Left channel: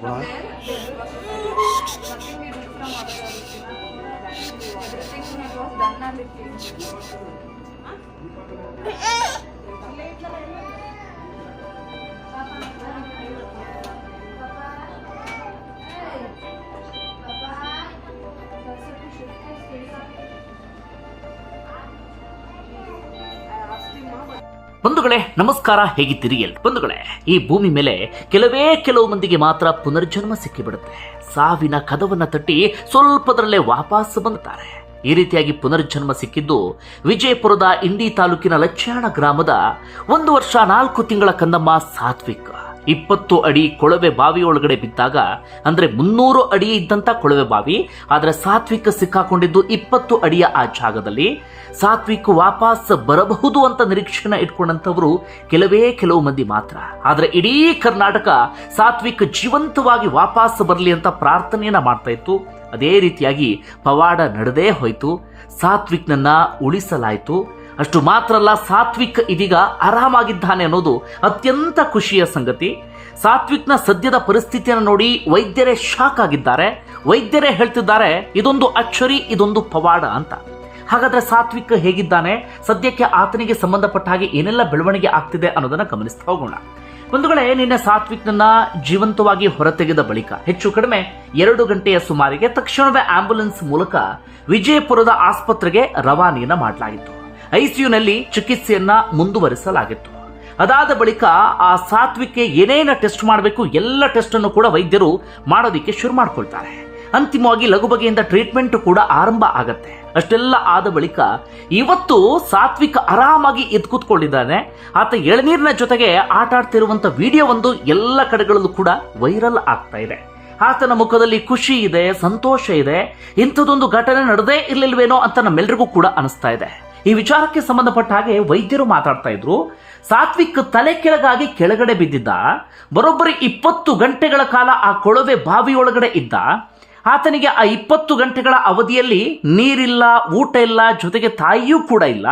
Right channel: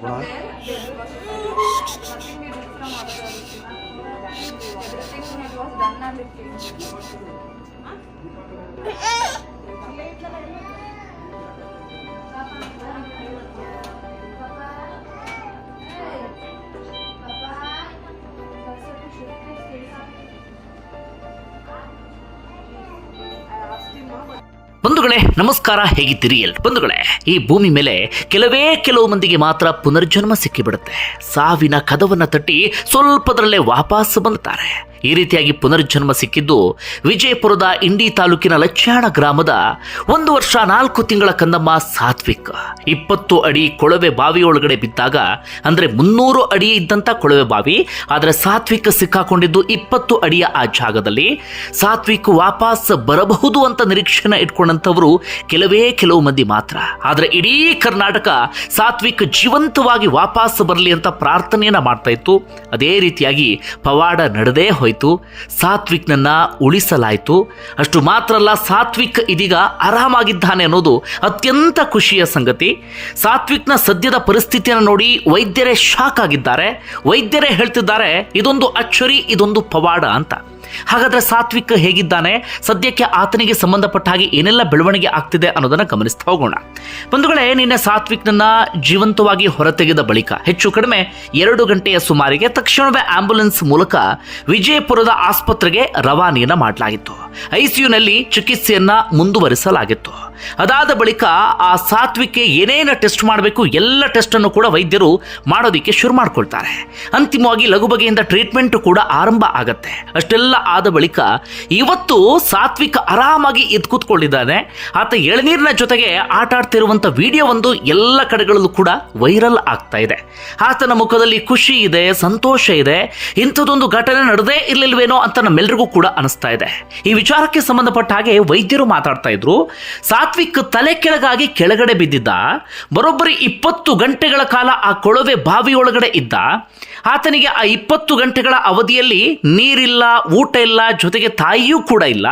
ಗುಣ Thank you. ಬಂಧುಗಳೇ, ನಮಸ್ಕಾರ, ಹೇಗಿದ್ದೀರಿ ಎಲ್? ಬಂಧುಗಳೇ, ಈ ಭೂಮಿ ಮೇಲೆ ಕೆಲವೇ ಕೆಲವು ಮಂದಿಗೆ ಮಾತ್ರ ಪುನರ್ಜನ್ಮ ಸಿಕ್ಕಿಬಿಡುತ್ತೆ. ಸಾವಿನ ಕದವನ್ನ ತಟ್ಟಿ ಸ್ವಲ್ಪದರಲ್ಲೇ ವಾಪಸ್ ಬಂದುತ್ತಾರೆ. ಈ ರೀತಿಯಾಗಿ ಪುನರ್ಜನ್ಮ ಸಿಕ್ಕಿದ್ದು ವಿಜಯಪುರದ ಇಂಡಿ ತಾಲೂಕಿನ ಲಚ್ಚಾಣ ಗ್ರಾಮದ ಒಂದು ವರ್ಷ ನಾಲ್ಕು ತಿಂಗಳ ಕಂದಮ್ಮ ಸಾತ್ವಿಕ್. ಇಪ್ಪತ್ತು ಅಡಿ ಕೊಳವೆ ಬಾವಿಯೊಳಗಡೆ ಬಿದ್ದಾಗ, ಅಂದ್ರೆ ಮುನ್ನೂರು ಅಡಿ ಇದ್ದಂತ ಕೊಳವೆ ಬಾವಿ, ಆದರೆ ಸಾತ್ವಿಕ ಸಿಕ್ಕಾಕೊಂಡಿದ್ದು ಇಪ್ಪತ್ತು ಅಡಿಯ ಆ ಜಾಗದಲ್ಲಿ. ಸಾತ್ವಿಕ್ ವಾಪಸ್ ಬರಬಹುದು ಅಂತ ನಿರೀಕ್ಷೆನ ಇಟ್ಕೊಂಡಂಥವರು ಕೆಲವೇ ಕೆಲವು ಮಂದಿ ಮಾತ್ರ. ಆದರೆ ಇಡೀ ಕರ್ನಾಟಕ ಸಾತ್ವಿಕ್ ಜೀವಂತವಾಗಿ ವಾಪಸ್ ಬರಲಿ ಅಂತ ಪ್ರಾರ್ಥನೆಯನ್ನ ಮಾಡ್ತಾ ಇತ್ತು. ಅದೇ ರೀತಿಯಾಗಿ ಪವಾಡ ನಡೆದೇ ಹೋಯಿತು. ಸಾತ್ವಿಕ್ನನ್ನ ಉಳಿಸಲಾಯಿತು. ಅಷ್ಟು ಮಾತ್ರ ಅಲ್ಲ, ಸಾತ್ವಿಕ್ ಇದೀಗ ಆರಾಮಾಗಿದ್ದಾನೆ ಅನ್ನೋದು ಅತ್ಯಂತ ಖುಷಿಯ ಸಂಗತಿ. ಸಾತ್ವಿಕ್ನ ಸದ್ಯದ ಪರಿಸ್ಥಿತಿಯನ್ನು ನೋಡಿ ವೈದ್ಯರೇ ಶಾಕ್ ಆಗಿದ್ದಾರೆ. ವೈದ್ಯರೇ ಹೇಳ್ತಿದ್ದಾರೆ, ಇದೊಂದು ಅಚ್ಚರಿ, ಇದೊಂದು ಪವಾಡ ಅಂತ. ಹಾಗಾದ್ರೆ ಸಾತ್ವಿಕ್ ಹೇಗಿದ್ದಾನೆ? ಸದ್ಯಕ್ಕೆ ಆತನಿಗೆ ಸಂಬಂಧಪಟ್ಟ ಹಾಗೆ ಏನೆಲ್ಲ ಬೆಳವಣಿಗೆ ಆಗ್ತಿದೆ ಅನ್ನೋದನ್ನ ಗಮನಿಸ್ತಾ ಹೋಗೋಣ. ಬಂಧುಗಳೇ, ನಿನ್ನೆ ಸಾತ್ವಿಕ್ನನ್ನ ಜೀವಂತವಾಗಿ ಹೊರತೆಗೆದ ಬಳಿಕ, ಹೆಚ್ಚು ಕಡಿಮೆ ಎರಡು ಗಂಟೆಯ ಸುಮಾರಿಗೆ ತಕ್ಷಣವೇ ಆಂಬ್ಯುಲೆನ್ಸ್ ಮೂಲಕ ವಿಜಯಪುರದ ಆಸ್ಪತ್ರೆಗೆ ರವಾನೆಯನ್ನ ಮಾಡಲಾಗಿತ್ತು. ಐಸಿಯುನಲ್ಲಿ ಚಿಕಿತ್ಸೆಯನ್ನ ಮುಂದುವರಿಸಲಾಗಿತ್ತು. ಅದಾದ ಬಳಿಕ ಆ ಸಾತ್ವಿಕೆ ಏನೇನ ಟೆಸ್ಟ್ ಮಾಡಬೇಕು ಎಲ್ಲ ಟೆಸ್ಟನ್ನು ಕೂಡ ವೈದ್ಯರು ಮಾಡೋದಕ್ಕೆ ಶುರು ಮಾಡ್ಕೊಳ್ತಾರೆ. ಅಂತಿಮವಾಗಿ ಲಘು ಬಗೆಯಿಂದ ಟ್ರೀಟ್ಮೆಂಟ್ ಕೂಡ ಆರಂಭ ಆಗತ್ತೆ. ಅಷ್ಟೆಲ್ಲ ಆದ ಬಳಿಕ ಇವತ್ತು ಸಾತ್ವಿಕ ಆರಾಮಾಗಿ ಎದ್ದು ಕೂತ್ಕೊಂಡಿದ್ದಾನೆ. ಆತ ಎಳನೀರಿನ ಜೊತೆಗೆ ಆಟ ಆಡ್ತಿರುವಂಥ ವಿಡಿಯೋ ಒಂದು ಎಲ್ಲ ಕಡೆಗಳಲ್ಲೂ ಕೂಡ ವೈರಲ್ ಆಗ್ತಾ ಇದೆ. ಆತನ ಮುಖದಲ್ಲಿ ಖುಷಿ ಇದೆ, ಸಂತೋಷ ಇದೆ. ಇಂಥದ್ದೊಂದು ಘಟನೆ ನಡೆದೇ ಇರಲಿಲ್ವೇನೋ ಅಂತ ನಮ್ಮೆಲ್ಲರಿಗೂ ಕೂಡ ಅನಿಸ್ತಾ ಇದೆ. ಈ ವಿಚಾರಕ್ಕೆ ಸಂಬಂಧಪಟ್ಟ ಹಾಗೆ ವೈದ್ಯರು ಮಾತಾಡ್ತಾ ಇದ್ರು. ಸಾತ್ವಿಕ್ ತಲೆ ಕೆಳಗಾಗಿ ಕೆಳಗಡೆ ಬಿದ್ದಿದ್ದ, ಬರೋಬ್ಬರಿ ಇಪ್ಪತ್ತು ಗಂಟೆಗಳ ಕಾಲ ಆ ಕೊಳವೆ ಬಾವಿಯೊಳಗಡೆ ಇದ್ದ, ಆತನಿಗೆ ಆ ಇಪ್ಪತ್ತು ಗಂಟೆಗಳ ಅವಧಿಯಲ್ಲಿ ನೀರಿಲ್ಲ, ಊಟ ಇಲ್ಲ, ಜೊತೆಗೆ ತಾಯಿಯೂ ಕೂಡ ಇಲ್ಲ.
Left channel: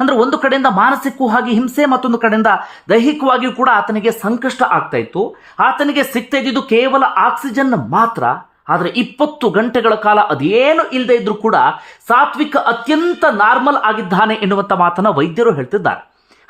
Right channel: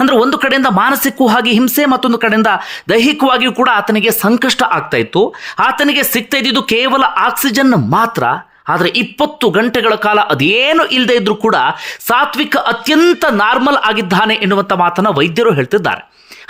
ಅಂದ್ರೆ ಒಂದು ಕಡೆಯಿಂದ ಮಾನಸಿಕವಾಗಿ ಹಿಂಸೆ, ಮತ್ತೊಂದು ಕಡೆಯಿಂದ ದೈಹಿಕವಾಗಿಯೂ ಕೂಡ ಆತನಿಗೆ ಸಂಕಷ್ಟ ಆಗ್ತಾ ಇತ್ತು. ಆತನಿಗೆ ಸಿಗ್ತಾ ಇದ್ದಿದ್ದು ಕೇವಲ ಆಕ್ಸಿಜನ್ ಮಾತ್ರ. ಆದರೆ ಇಪ್ಪತ್ತು ಗಂಟೆಗಳ ಕಾಲ ಅದೇನು ಇಲ್ಲದೆ ಇದ್ರೂ ಕೂಡ ಸಾತ್ವಿಕ ಅತ್ಯಂತ ನಾರ್ಮಲ್ ಆಗಿದ್ದಾನೆ ಎನ್ನುವಂಥ ಮಾತನ್ನು ವೈದ್ಯರು ಹೇಳ್ತಿದ್ದಾರೆ.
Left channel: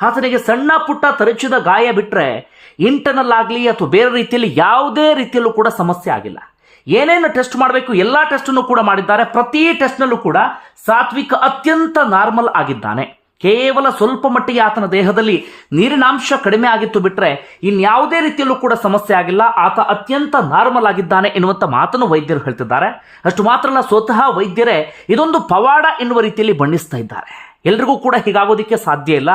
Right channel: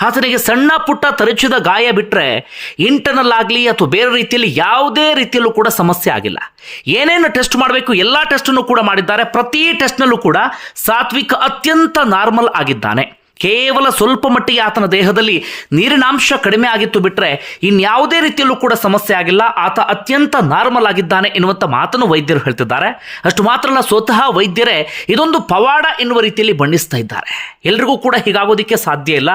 ಆತನಿಗೆ ಸಣ್ಣ ಪುಟ್ಟ ತರಚಿದ ಗಾಯ ಬಿಟ್ಟರೆ ಇಂಟರ್ನಲ್ ಆಗಲಿ ಅಥವಾ ಬೇರೆ ರೀತಿಯಲ್ಲಿ ಯಾವುದೇ ರೀತಿಯಲ್ಲೂ ಕೂಡ ಸಮಸ್ಯೆ ಆಗಿಲ್ಲ. ಏನೇನು ಟೆಸ್ಟ್ ಮಾಡಬೇಕು, ಎಲ್ಲ ಟೆಸ್ಟನ್ನು ಕೂಡ ಮಾಡಿದ್ದಾರೆ. ಪ್ರತಿ ಟೆಸ್ಟ್ನಲ್ಲೂ ಕೂಡ ಸಾತ್ವಿಕ ಅತ್ಯಂತ ನಾರ್ಮಲ್ ಆಗಿದ್ದಾನೆ. ಕೇವಲ ಸ್ವಲ್ಪ ಮಟ್ಟಿಗೆ ಆತನ ದೇಹದಲ್ಲಿ ನೀರಿನಾಂಶ ಕಡಿಮೆ ಆಗಿತ್ತು ಬಿಟ್ಟರೆ ಇನ್ಯಾವುದೇ ರೀತಿಯಲ್ಲೂ ಕೂಡ ಸಮಸ್ಯೆ ಆಗಿಲ್ಲ. ಆತ ಅತ್ಯಂತ ನಾರ್ಮಲ್ ಆಗಿದ್ದಾನೆ ಎನ್ನುವಂಥ ಮಾತನ್ನು ವೈದ್ಯರು ಹೇಳ್ತಿದ್ದಾರೆ. ಅಷ್ಟು ಮಾತ್ರ ಅಲ್ಲ, ಸ್ವತಃ ವೈದ್ಯರೇ ಇದೊಂದು ಪವಾಡ ಎನ್ನುವ ರೀತಿಯಲ್ಲಿ ಬಣ್ಣಿಸ್ತಾ ಇದ್ದಾರೆ. ಎಲ್ರಿಗೂ ಕೂಡ ಹೀಗಾಗೋದಕ್ಕೆ ಸಾಧ್ಯ ಇಲ್ಲ.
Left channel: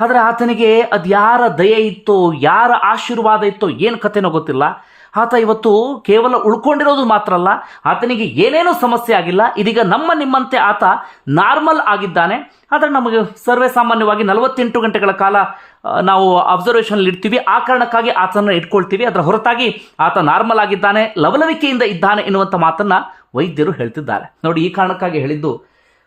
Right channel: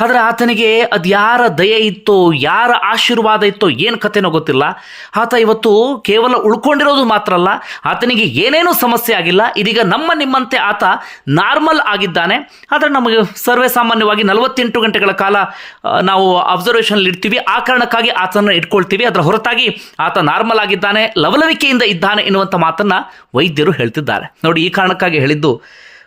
ಆದರೆ ಆತನಿಗೆ ಅದು ಯಾರ ದಯೆ ಇತ್ತೋ, ಯಾರ ಆಶೀರ್ವಾದ ಇತ್ತೋ ಏನು ಕಥೆನೋ ಗೊತ್ತಿಲ್ಲ. ಆತ ಇವತ್ತು ಕೇವಲ ಉಳ್ಕೊಂಡಿರೋದು ಮಾತ್ರ ಅಲ್ಲ, ಆತನಿಗೆ ಏನೇನೂ ಸಮಸ್ಯೆ ಆಗಿಲ್ಲ. ಇದೀಗ ನಮ್ಮ ನಿಮ್ಮಂತೆ ಆತ ನಾರ್ಮಲ್ ಆಗಿದ್ದಾನೆ. ಆದರೆ ನಮಗೆ ಸರ್ವೇ ಸಾಮಾನ್ಯವಾಗಿ ನಲವತ್ತೆಂಟು ಗಂಟೆಗಳ ಕಾಲ ನಾವು ಅಬ್ಸರ್ವೇಷನ್ ಇಡ್ತೀವಿ ಆ ಕಾರಣಕ್ಕಾಗಿ ಆತನ ಇಟ್ಕೊಳ್ತೀವಿ. ಅದರ ಹೊರತಾಗಿ ಆತ ನಾರ್ಮಲ್ ಆಗಿದ್ದಾನೆ, ಲವಲವಿಕೆಯಿಂದ ಇದ್ದಾನೆ ಎನ್ನುವಂಥ ಮಾತನ್ನು ವೈದ್ಯರು ಹೇಳ್ತಿದ್ದಾರೆ. ನೋಡಿ, ಈ ಕಾರಣಕ್ಕಾಗಿ ಹೇಳಿದ್ದು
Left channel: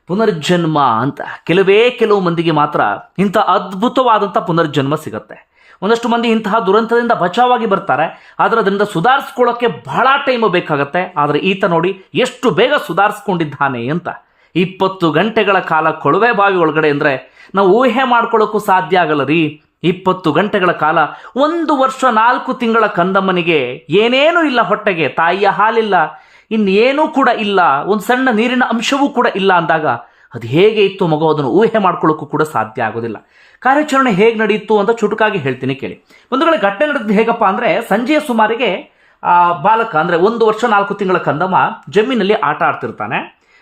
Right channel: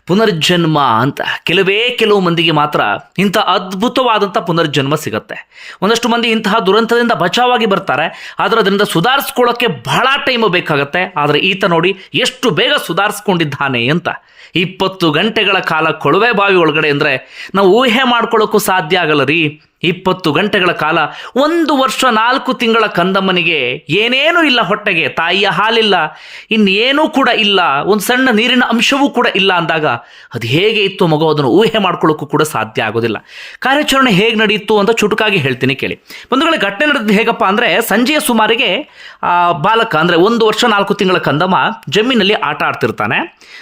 ಪುನರ್ಜನ್ಮ ಅಂತ. ಕೆಲವೇ ಕೆಲವು ಮಂದಿಗೆ ಮಾತ್ರ ಇಂಥ ಅದ್ಭುತವಾದಂಥ ಪುನರ್ಜನ್ಮ ಸಿಗುತ್ತೆ. ಒಂದಷ್ಟು ಮಂದಿ ಇಂತಹ ದುರಂತದಿಂದ ಬಚಾವಾಗಿ ಬರ್ತಾರೆ. ಆದರೆ ಅದರಿಂದ ಸುಧಾರಿಸ್ಕೊಳ್ಳೋಕ್ಕೆ ಬಹಳ ಟೈಮ್ ಬೇಕಾಗತ್ತೆ. ಆದರೆ ಈತ ನೋಡಿ ಎಷ್ಟು ಬೇಗ ಸುಧಾರಿಸ್ಕೊಂಡಿದ್ದಾನೆ ಅಂತ. ಇಪ್ಪತ್ತು ಗಂಟೆಗಳ ಕಾಲ ಕೊಳವೆ ಬಾವಿ ಒಳಗಡೆ ಅಂದರೆ ನಾವು ಊಹೆ ಮಾಡ್ಕೊಳ್ಳೋಕ್ಕೂ ಸಾಧ್ಯ ಆಗಲ್ಲ ರೀ ಇಪ್ಪತ್ತು ಗಂಟೆಗಳ ಕಾಲ ಒಂದು ವರ್ಷ ನಾಲ್ಕು ತಿಂಗಳ ಕಂದಮ್ಮನಿಗೆ ಏನೇನೂ ಇಲ್ಲ ಹೊಟ್ಟೆಗೆ, ತಾಯಿಯ ಹಾಲಿಲ್ಲ, ಇನ್ನೇನೂ ಕೂಡ ಇಲ್ಲ, ಒಂದು ಸಣ್ಣ ನೀರಿನ ಅಂಶವೂ ಕೂಡ ಇಲ್ಲ ಅಂದಾಗ ಅದು ಹೇಗೆ ಇತ್ತು ಮಗು? ಅದನ್ನು ಊಹೆ ಮಾಡ್ಕೊಳ್ಳೋಕ್ಕೂ ಕೂಡ ಸಾಧ್ಯ ಆಗೋದಿಲ್ಲ. ಕಾರ್ಯಾಚರಣೆ ಹೇಗೆ ನಡೆಯಿತು ಅಂತ ಚುಟುಕಾಗಿ ಹೇಳ್ತೀನಿ ಕೇಳಿ. ಬಂಧುಗಳ, ಘಟನೆ ನಡೆದು ಹೇಗಪ್ಪ ಅಂದರೆ ಸಂಜೆಯ ಸುಮಾರಿಗೆ ಬಾಲಕ ಅಂದರೆ ಒಂದು ವರ್ಷ ನಾಲ್ಕು ತಿಂಗಳ ಕಂದಮ್ಮ ಜಮೀನಲ್ಲಿ ಆಟ ಆಡ್ತಿರ್ತಾನೆ.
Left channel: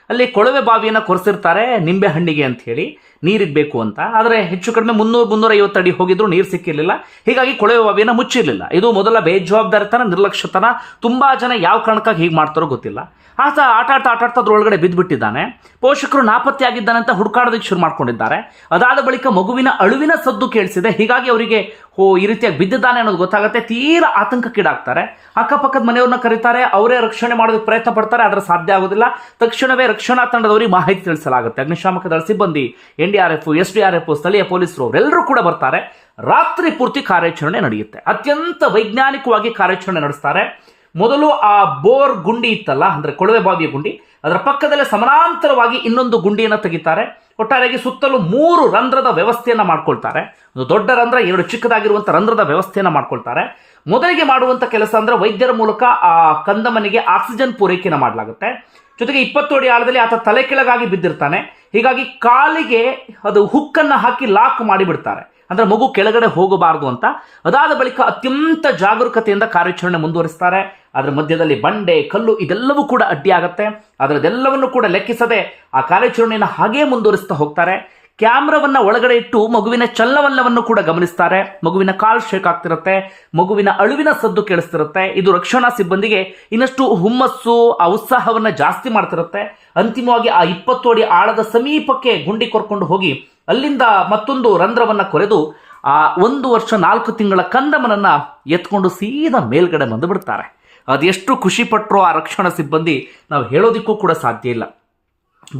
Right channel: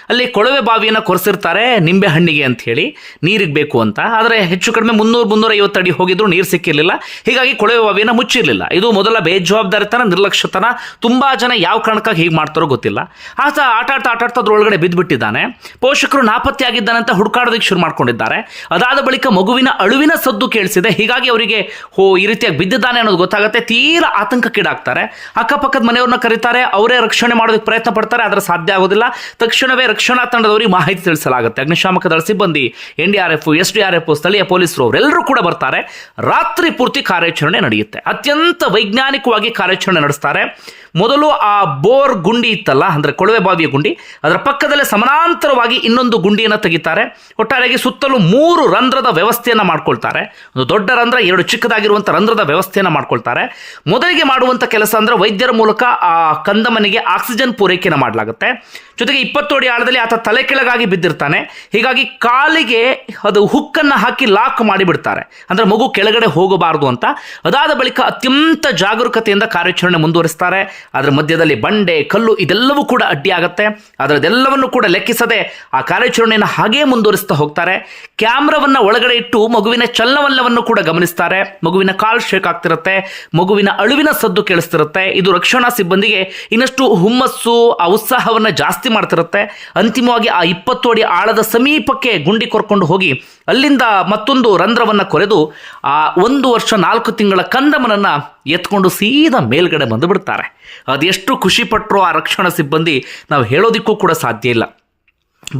ಅಲ್ಲಿ ಕೊಳವೆ ಬಾವಿಯನ್ನು ಕೊರೆಸಿರ್ತಾರೆ ನಿಂಬೆ ಹಣ್ಣಿಗೆ ಅಂತ ಹೇಳಿ ನೀರಿಗೆ ಬೇಕು ಅಂತ. ಆದರೆ ಹೆಚ್ಚು ಕಡಿಮೆ ಮುನ್ನೂರು ಮುನ್ನೂರೈವತ್ತು ಅಡಿ ಹೋಗಿದ್ರು ನೀರು ಸಿಕ್ಕಿರಲಿಲ್ಲ. ಹೀಗಾಗಿ ಕೊಳವೆ ಬಾವಿಯನ್ನು ಮುಚ್ಚಿರಲಿಲ್ಲ. ಇದು ಮೊದಲ ಬೇಜವಾಬ್ದಾರಿತನ ನಿರ್ಲಕ್ಷ್ಯತನ. ತುಂಬ ಜನ ಯಾವ ಕಾರಣಕ್ಕಾಗಿ ಹೀಗೆ ಮಾಡ್ತಾರೋ ಗೊತ್ತಿಲ್ಲ. ಆತ ಆಟ ಆಡ್ತಾ ಆಟ ಆಡ್ತಾ ಅದ್ರೊಳಗಡೆ ಬಿದ್ದುಬಿಟ್ಟಿದ್ದಾನೆ ಪೋಷಕರು ನಾಪತ್ತೆಯಾಗಿದ್ದಾನೆ ಅಂತ ಹುಡುಕಾಡೋದಕ್ಕೆ ಶುರು ಮಾಡ್ಕೊಂಡಿದ್ದಾರೆ. ಅದಾದ ಬಳಿಕ ಮಗುವಿನ ಅಳುವಿನ ಸದ್ದು ಕೇಳಿಸಿದೆ. ಹೀಗಾಗಿ ಅವರಿಗೆ, ಹೋ, ಈ ರೀತಿಯಾಗಿ ಬಿದ್ದಿದ್ದಾನೆ ಅನ್ನೋದು ಗೊತ್ತಾಗುತ್ತೆ. ತೀರಾ ಆತಂಕಕ್ಕೀಡಾಗ್ತಾರೆ. ಅಕ್ಕಪಕ್ಕದ ಮನೆಯವ್ರನ್ನ ಕರೀತಾರೆ, ಅವರೇ ರಕ್ಷಣೆ ಮಾಡೋದಕ್ಕೆ ಪ್ರಯತ್ನ ಪಡ್ತಾರೆ, ಆದರೆ ಸಾಧ್ಯ ಆಗೋದಿಲ್ಲ. ತಕ್ಷಣವೇ ರಕ್ಷಣಾ ತಂಡದವರಿಗೆ ಮಾಹಿತಿ ತಿಳಿಸಲಾಗುತ್ತೆ. ಅಗ್ನಿಶಾಮಕ ದಳ ಸಿಬ್ಬಂದಿ, N D R F, S D R F, ಸ್ಥಳೀಯ ಪೊಲೀಸರು, ಅವರೆಲ್ಲರೂ ಕೂಡ ಬರ್ತಾರೆ. ರಾತ್ರಿ ಪೂರ್ತಿ ಕಾರ್ಯಾಚರಣೆ ನಡೆಯುತ್ತೆ. ಅತ್ಯಂತ ವೈಜ್ಞಾನಿಕವಾಗಿ ಕಾರ್ಯಾಚರಣೆ ನಡೆಸ್ತಾರೆ. ಮೊದಲು ಆ ಬೋರ್ ಗುಂಡಿ ಇತ್ತಲ್ಲ, ಅಂದರೆ ಕೊಳವೆ ಬಾವಿಯ ಗುಂಡಿ, ಅದರ ಪಕ್ಕದಲ್ಲೇ ಸಮಾನಾಂತರವಾಗಿ ಇನ್ನೊಂದು ಗುಂಡಿಯನ್ನು ತೆಗಿತಾರೆ. ಒಟ್ಟಾರೆಯಾಗಿ ಸುತ್ತಲೂ ಮೂರು ರಂಧ್ರದ ವ್ಯವಸ್ಥೆಯನ್ನು ಮಾಡ್ಕೊಳ್ತಾರೆ. ಒಂದು ದೊಡ್ಡ ರಂಧ್ರ, ಎರಡು ಚಿಕ್ಕದಾಗಿರುವಂಥ ರಂಧ್ರದ ವ್ಯವಸ್ಥೆಯನ್ನು ಮಾಡ್ಕೊಳ್ತಾರೆ. ಮೊದಲಿಗೆ ಮಾಡುವಂಥ ಕೆಲಸ ಅಂದರೆ ವೈದ್ಯರ ಮೂಲಕ ಆ ಕಂದಮನಿಗೆ ಆಕ್ಸಿಜನ್ ಪೂರೈಕೆಯನ್ನು ಮಾಡಲಾಗುತ್ತೆ. ಜೊತೆಗೆ ಇಪ್ಪತ್ತು ಅಡಿ ಆಳದಲ್ಲಿ ಆತ ತಲೆ ಕೆಳಗಾಗಿ ಬಿದ್ದಿರ್ತಾನೆ. ಹೀಗಾಗಿ ಕಾಲಿಗೆ ಅದು ಹುಕ್ಕನ್ನು ಹಾಕಿ ಲಾಕ್ ಮಾಡಿಬಿಡ್ತಾರೆ. ಅಂದರೆ ಮಗು ಕೆಳಗಡೆ ಹೋಗಬಾರದು ಅಂತ. ಅದಾದ ಬಳಿಕ ಅತ್ಯಂತ ಜಾಗರೂಕತೆಯಿಂದ ಕಾರ್ಯಾಚರಣೆ ಮುಂದುವರಿಸ್ತಾರೆ. ಅದರ ಮಧ್ಯದಲ್ಲಿ ಬಂಡೆ, ಕಲ್ಲು ಇದೆಲ್ಲವೂ ಕೂಡ ಅಡ್ಡಿಯಾಗತ್ತೆ. ಅದರದೆಲ್ಲವನ್ನು ಕೂಡ ಲೆಕ್ಕಿಸದೆ ಆ ಕಾರ್ಯಾಚರಣೆಯನ್ನು ಹಾಗೇ ಮುಂದುವರಿಸ್ತಾ ಹೋಗ್ತಾರೆ. ಕ್ಯಾಮ್ರಾವನ್ನು ಒಳಗಡೆ ಇಟ್ಟು ಮಗುವಿನ ಚಲನವಲ್ಲವನ್ನು ಕೂಡ ಗಮನಿಸ್ತಾರೆ. ಮಗುವಿನ ಕಾಲ್ ಶೇಕ್ ಆಗ್ತಿರುತ್ತೆ. ಮಗುವಿನ ಅಳುವಿನ ಸದ್ದು ಕೇಳಿಸ್ತಿರುತ್ತೆ. ಇದು ರಕ್ಷಣಾ ಸಿಬ್ಬಂದಿಗೆ ಇನ್ನಷ್ಟು ಹುಮ್ಮಸ್ಸು, ಆ ಉತ್ಸಾಹವನ್ನು ಜಾಸ್ತಿ ಮಾಡ್ತಿರುತ್ತೆ. ಅಂತಿಮವಾಗಿ ಆ ಇಪ್ಪತ್ತು ಅಡಿ ಆಳದ ಸಮೀಪಕ್ಕೆ ಗುಂಡಿ ಕೊರ್ಕೊಂಡು ಹೋಗಿ ಅಲ್ಲಿಂದ ಮತ್ತೊಂದು ರಂಧ್ರವನ್ನು ಕೊರೆದು ಆ ಒಂದು ವರ್ಷ ನಾಲ್ಕು ತಿಂಗಳ ಕಂದಮನನ್ನು ಎತ್ಕೊಂಡು ಸೀದಾ ಮೇಲ್ಗಡೆ ಬಂದು ಬಿಡ್ತಾರೆ. ಅದೆಷ್ಟು ಖುಷಿಪಟ್ಟರು ಆ ರಕ್ಷಣಾ ಸಿಬ್ಬಂದಿ? ನಾವು ಹೇಳೋದಿಕ್ಕೂ ಕೂಡ ಸಾಧ್ಯ ಇಲ್ಲ.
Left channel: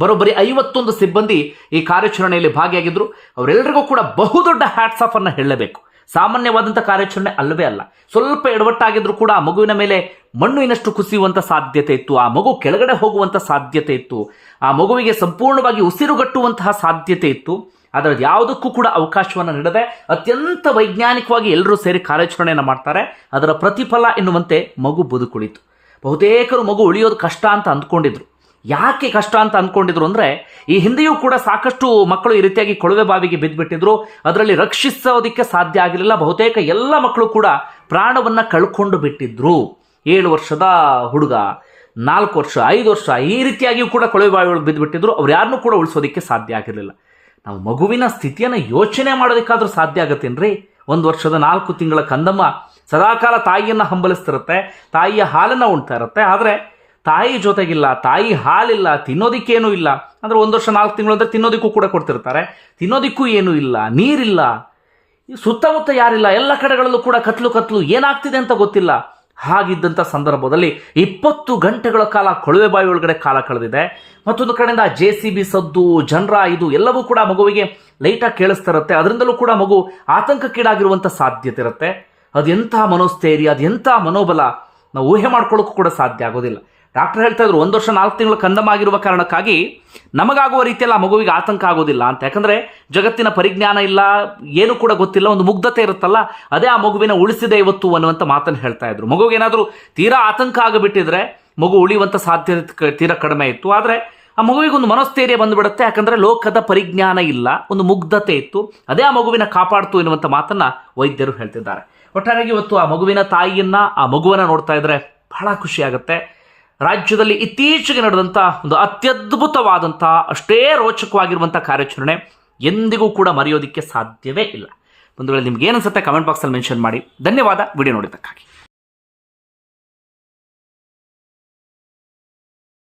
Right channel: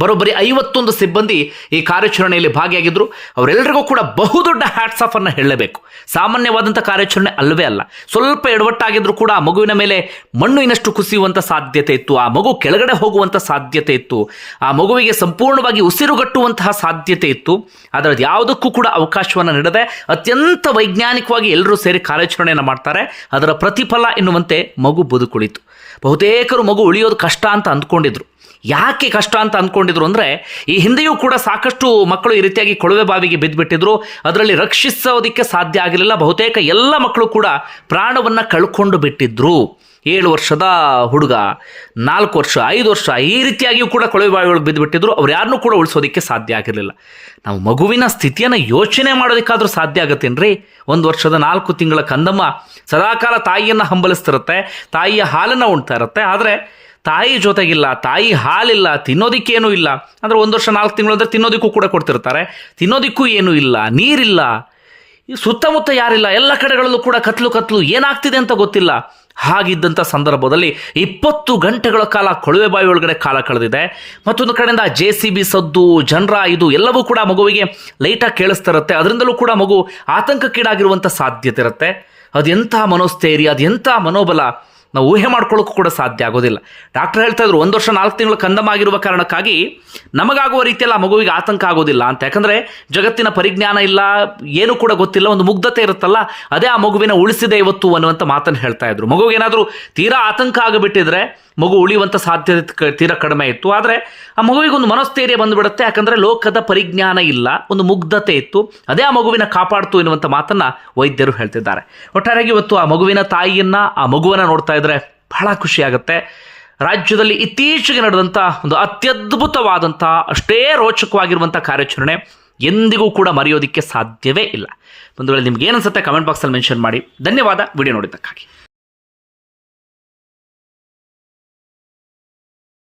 ಬರೋಬ್ಬರಿ ಐವತ್ತೊಂದು ಸಿಬ್ಬಂದಿ ಈ ಕಾರ್ಯಾಚರಣೆಯಲ್ಲಿ ಭಾಗಿಯಾಗಿದ್ದರು ಅವರೆಲ್ಲರಿಗೂ ಕೂಡ ಬಹುದೊಡ್ಡ ಹ್ಯಾಟ್ಸ್ ಆಫ್ ಅನ್ನು ಹೇಳಲೇಬೇಕು ಸಾಮಾನ್ಯವಾದಂಥ ಕಾರ್ಯಾಚರಣೆ ಅಲ್ಲವೇ ಅಲ್ಲ. ಸ್ವಲ್ಪ ಎಡವಟ್ಟಾಗಿದ್ದರೂ ಕೂಡ ಆ ಮಗುವಿನ ಮೇಲೆ ಮಣ್ಣು ಇನ್ನಷ್ಟು ಕುಸಿಯುವಂಥ ಸಾಧ್ಯತೆ ಇತ್ತು. ಆ ಮಗು ಕೆಳಗಡೆ ಹೋಗುವಂಥ ಸಾಧ್ಯತೆ ಇತ್ತು. ಆ ಮಗುವಿಗೆ ಸಂಪೂರ್ಣವಾಗಿ ಉಸಿರುಗಟ್ಟುವಂತಹ ಸಾಧ್ಯತೆ ಇತ್ತು. ಆದರೆ ಅದು ಯಾವುದಕ್ಕೂ ಕೂಡ ಅವಕಾಶವನ್ನು ನೀಡದೆ ಅತ್ಯಂತ ವೈಜ್ಞಾನಿಕವಾಗಿ ಎಲ್ಲರೂ ಸೇರಿ ಕಾರ್ಯಾಚರಣೆಯನ್ನು ಮಾಡ್ತಾರೆ. ಅದರ ಪ್ರತಿಫಲ ಎನ್ನುವಂತೆ ಮಗು ಬದುಕುಳಿತು. ಬಹುತೇಕರು ಮಗು ಉಳಿಯೋದು ಕಷ್ಟ ಅಂತ ಅಂದ್ಕೊಂಡಿದ್ರು. ಯಾಕೆ ಕಷ್ಟ ಅಂತ ಅಂದ್ಕೊಂಡಿದ್ರು ಅಂದರೆ ಈ ಹಿಂದೆಯೂ ಕೂಡ ಸಾಕಷ್ಟು ಮಕ್ಕಳು ಈ ರೀತಿಯಾಗಿ ಕೊಳವೆ ಬಾವಿಗೆ ಬಿದ್ದುಬಿಟ್ಟಿದ್ರು ಅದರಲ್ಲಿ ರಕ್ಷಿಸೋದಕ್ಕೆ ಸಾಧ್ಯ ಆಗಲಿಲ್ಲ ಬಹುತೇಕ ಎಲ್ಲ ಮಕ್ಕಳು ಕೂಡ ಪ್ರಾಣವನ್ನು ಕಳ್ಕೊಂಡು ಬಿಟ್ಟಿದ್ರು. ಏಳು ವರ್ಷದ ಹುಡುಗ, ನಾಲ್ಕು ವರ್ಷ, ಐದು ವರ್ಷ ಈ ರೀತಿಯಾಗಿಯೂ ಕೂಡ ಕೊಳವೆ ಬಾವಿ ಒಳಗೆ ಬಿದ್ದುಬಿಟ್ಟಿದ್ರು ಅವ್ರು ಯಾರನ್ನೂ ಕೂಡ ಉಳಿಸೋದಕ್ಕೆ ಸಾಧ್ಯ ಆಗಿರಲಿಲ್ಲ. ನಾವು ಮಗುವಿನ ಸ್ಥಿತಿಯನ್ನು ಯೋಚನೆ ಮಾಡೋದಕ್ಕಾದರೂ ಸಾಧ್ಯ ಆಗತ್ತೇನ್ರಿ ಒಂದು ವರ್ಷದ ನಾಲ್ಕು ತಿಂಗಳ ಕಂದಮ್ಮ ಸದಾಕಾಲ ತಾಯಿಯನ್ನು ಹಂಬಲಿಸ್ತಿರುತ್ತೆ, ತಾಯಿಯ ಹಾಲನ್ನು ಉಣ್ತಾ ಇರುತ್ತೆ. ಆದರೆ ತಾಯಿ ಜೊತೆಗಿಲ್ಲ, ತಾಯಿ ಹಾಲಿಲ್ಲ, ತಿನ್ನೋದಿಕ್ಕೇನೂ ಇಲ್ಲ. ಅಂದರೆ ಒಂದು ವರ್ಷ ನಾಲ್ಕು ತಿಂಗಳು ಅಂದರೆ ತಿನ್ನೋದಕ್ಕೂ ಕೂಡ ಕೊಡ್ತಿರ್ತಾರೆ. ತಿನ್ನೋದಕ್ಕೂ ಏನೂ ಇಲ್ಲ, ನೀರಿಲ್ಲ. ಸುತ್ತಮುತ್ತ ಯಾರಿಲ್ಲ, ಎಲ್ಲ ಕಡೆಗಳಲ್ಲೂ ಕೂಡ ಕತ್ಲು ಕತ್ಲು ಏನಾಗ್ತಿದೆ ಅಂತ ಗೊತ್ತಿಲ್ಲ. ಹಾಗಿದ್ದಂಥ ಸಂದರ್ಭದಲ್ಲಿ ಇಪ್ಪತ್ತು ಗಂಟೆಗಳ ಕಾಲ ಕೊಳವೆ ಬಾವಿ ಒಳಗಡೆ ಕಾಲ ಕಳೆದಿದೆ. ಮತ್ತೊಂದು ಕಡೆಯಿಂದ ಜೆ ಸಿ ಬಿ ಸದ್ದು, ಜನರ ಇದು ಎಲ್ಲವೂ ಕೂಡ ಮಗುವಿಗೆ ಲೈಟಾಗಿ ಕೇಳಿಸ್ತಿರುತ್ತೆ. ಅದರಿಂದಲೂ ಕೂಡ ಮಗು ಆತಂಕಕ್ಕೀಡಾಗಿರುವಂಥ ಸಾಧ್ಯತೆ ಇರುತ್ತೆ. ಅದೆಂಥ ಮನೋಸ್ಥೈರ್ಯ, ಅದೆಂಥ ಮನೋಬಲ. ನಾವು ಊಹೆ ಮಾಡ್ಕೊಳ್ಳೋಕ್ಕೂ ಕೂಡ ಸಾಧ್ಯ ಆಗೋದಿಲ್ಲ. ಡಾಕ್ಟರ್ ಹೇಳ್ತಾ ಇದ್ರು ಒಂದು ವರ್ಷ ನಾಲ್ಕು ತಿಂಗಳು ಕಂದಮಾಗಿರುವ ಕಾರಣಕ್ಕಾಗಿ ನಮಗಾಗುವ ರೀತಿಯಲ್ಲಿ ಆ ಮಗುವಿಗೆ ಆತಂಕ ಆಗೋದಿಲ್ಲ. ಅಂತ. ಯಾಕಂದರೆ ಜಗತ್ತಿನ ಪರಿಜ್ಞಾನ ಇಲ್ಲ, ಏನೂ ಕೂಡ ಗೊತ್ತಿಲ್ಲ, ಒಂದು ಮುಗ್ಧತೆ ಇರುತ್ತಲ್ಲ, ಅದೇ ಆ ಮಗುವಿನ ಉಳಿಸಿದೆ ಇವತ್ತು ಅನ್ನುವಂಥ ಮಾತನ್ನು ಹೇಳ್ತಾ ಇದ್ರು ಮಗುವಿಗೇನಾದರೂ ತೀರಾ ಆತಂಕ ಆಗಿಬಿಟ್ಟಿದ್ರೆ ಮಗು ಉಳಿಯುವಂಥ ಸಾಧ್ಯತೆ ತೀರಾ ಕಡಿಮೆ ಇತ್ತು. ಆದರೆ ಆ ಮಗುವಿಗೆ ಒಂದು ಮನಸ್ಥೈರ್ಯ ಬಂದುಬಿಡುತ್ತೆ. ಯಾಕಂದರೆ ಲೋಕದ ಪರಿಜ್ಞಾನ ಇಲ್ಲ, ಒಂದು ಮುಗ್ಧತೆ ಇತ್ತು. ಅದೇ ಆ ಮಗುವಿನ ಕಾಪಾಡ್ತು ಎನ್ನುವಂಥ ಮಾತನ್ನು ವೈದ್ಯರು ಹೇಳ್ತಿದ್ದಾರೆ. ಒಟ್ಟಾರೆಯಾಗಿ ಇವತ್ತು ಆ ಮಗುವಿನ ತಾಯಿಯನ್ನು, ಆ ಮಗುವನ್ನು ನೋಡ್ತಾ ಇದ್ದರೆ ಬಹಳ ಖುಷಿಯಾಗುತ್ತೆ ರಾಜ್ಯದಲ್ಲಿ ಇತ್ತೀಚೆಗೆ ನಡೆದಂಥ ಒಂದು ಅತ್ಯದ್ಭುತವಾದಂಥ ಅಷ್ಟೇ ರೋಚಕವಾಗಿರುವಂಥ ಕಾರ್ಯಾಚರಣೆ ಎಂದಿಗೂ ಕೂಡ ಮರೆಯೋದಕ್ಕೆ ಸಾಧ್ಯವೇ ಇಲ್ಲ. ಒಂದು ವೇಳೆ ನಿಮ್ಗೆ ಏನನ್ಸುತ್ತೆ ಕಮೆಂಟ್ ಬಾಕ್ಸಲ್ಲಿ ಮೆನ್ಷನ್ ಮಾಡಿ. ಧನ್ಯವಾದ. ವಿಡಿಯೋ ನೋಡಿದ್ದಕ್ಕಾಗಿ.